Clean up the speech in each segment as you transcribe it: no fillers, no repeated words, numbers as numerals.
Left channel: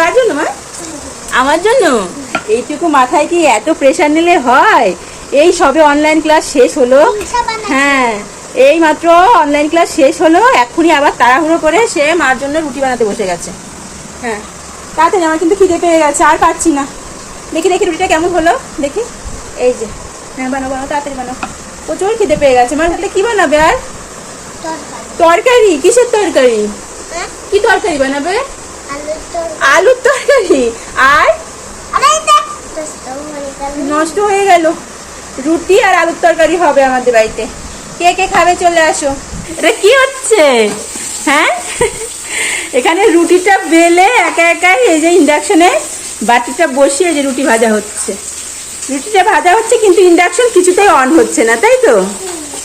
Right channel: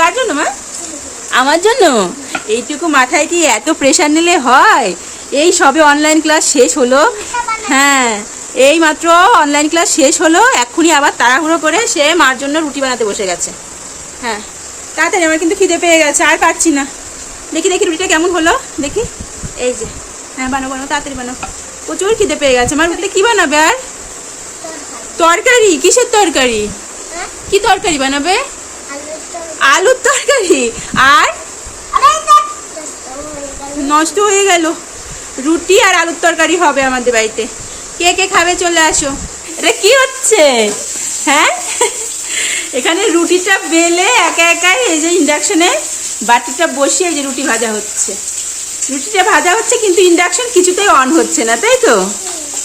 কার জন্য মা? আমার জন্য। এইটুকু মাথায় কি এত প্রেশার নিলে হয়? এই সবে অনলাইন ক্লাস শেষ হলো। হ্যাঁ, এই মাত্র অনলাইন ক্লাস শেষ হলো, এক্ষুনি আবার তাড়াহুড়ো করে সে মার জন্য রুটি বানাতে বসে গেছে। হ্যাঁ, তাড়াতাড়ি, আমার কিন্তু খিদে পেয়ে গেছে, আর পারছি না। দেখি দেখি রুটিটা কেমন হলো দেখি। এই যে, হ্যাঁ বানাবো, তাড়াতাড়ি বানাও। প্রচুর খিদে পেয়ে গেছে। আমার রুটিটা কি বানাবে? আর তরকারি? কিসের তরকারি? কি তরকারি বানাবে? আলুর তরকারি। আর নষ্ট হয়ে গেল। রুটি আর আলুর তরকারি হবে আমাদের বাড়িতে। কে কে খাবে চলে আসো। এটা কি হচ্ছে? হ্যাঁ, এখানে রুটিটা বেলে একা একাই এই যে ইন্ডাকশনে বাটিটা বসিয়ে যে রুটি ভাজা হচ্ছে। রুটিটা ভাজা হচ্ছে কিন্তু ইন্ডাকশন কিছুতেই অন হচ্ছে না, তাই তো?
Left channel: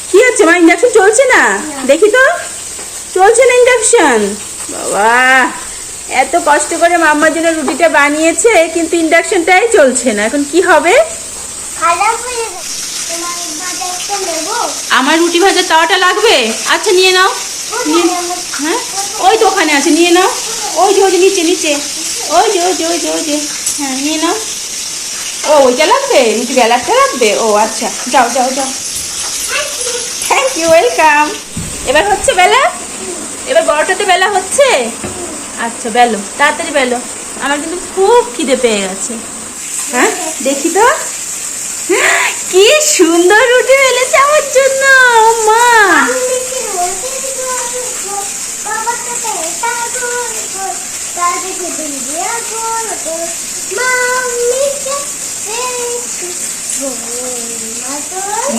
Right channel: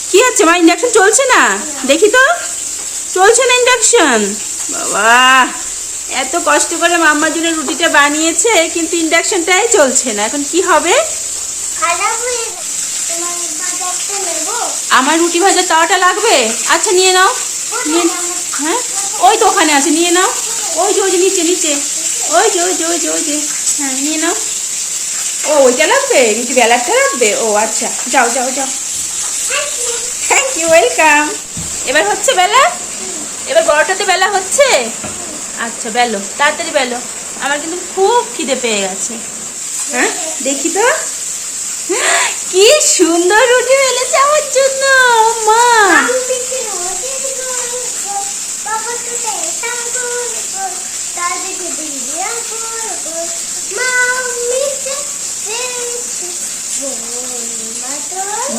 কি হচ্ছে মা? ইন্ডাকশন চলছে না? দেখি তো, চলছে না ইন্ডাকশন। বাবা, এত কষ্ট করে মাম্মার জন্য রুটিটা বানিয়েছে কিন্তু ইন্ডাকশনটাই চলছে না। এখন কি হবে? আমার রুটি ভাজার তাওয়াটা লাগবে? আচ্ছা নিয়ে নাও। হ্যাঁ, ওই তো ওখানে আছে, নিয়ে নাও। ওই যে ওই যে নিচে নিচে, ওই যে ওই যে ওই যে ওই যে, হ্যাঁ নিয়ে নাও। ও ওইটা লাগবে? রুটি বেলাটা লাগবে? ও আচ্ছা, যাও যাও যাও। Thank you, welcome. এবার হচ্ছে বেলা? এবার বড়টাতে বেলা হচ্ছে? আচ্ছা বেলো, তাড়াতাড়ি বেলো, আমার কিন্তু খুব খিদে পেয়ে গেছে। হ্যাঁ দেখি তো, কি সুন্দর রুটি বেলেছে আমার জন্য মা।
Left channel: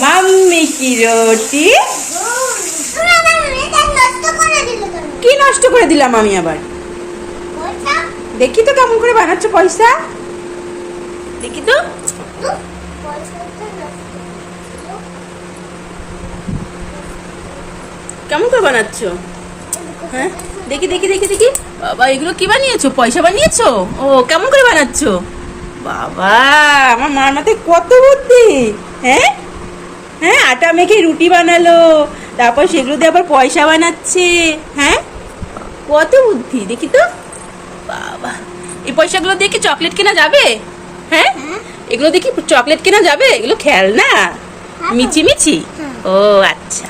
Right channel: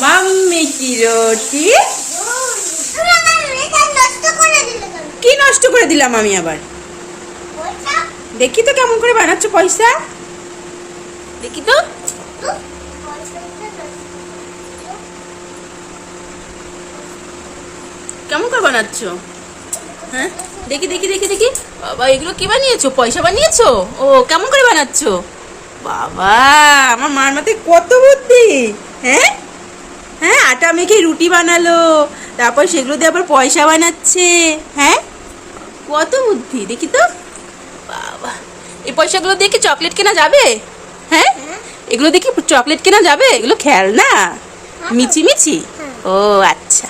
মাম্মি কি রুটি? কি নষ্ট করে দিলাম আমি আবার? দেখি তো কেমন করে বানাচ্ছ, পয়সা দেখি তো। কেমন করে বানাচ্ছ? হ্যাঁ দেখি দেখি দেখি দেখি। বাবা, এগুলো কি বানিয়েছো? পয়সা বানিয়েছো? ও কেমন করে বানাচ্ছো? বাবা, আমার মার মাথায় কত বুদ্ধি। হ্যাঁ হ্যাঁ, আটা মেখে রুটি বানালো, তারপর সেগুলো দিয়ে আবার পয়সা বানাচ্ছে। হ্যাঁ, কত বুদ্ধি দেখি তো। বাবা, এই পয়সাগুলো দিয়ে কি চকলেট কেনা যাবে? হ্যাঁ, এগুলো দিয়ে কি চকলেট কেনা যাবে? এগুলো খেলনা, মিছি মিছি। ও আচ্ছা।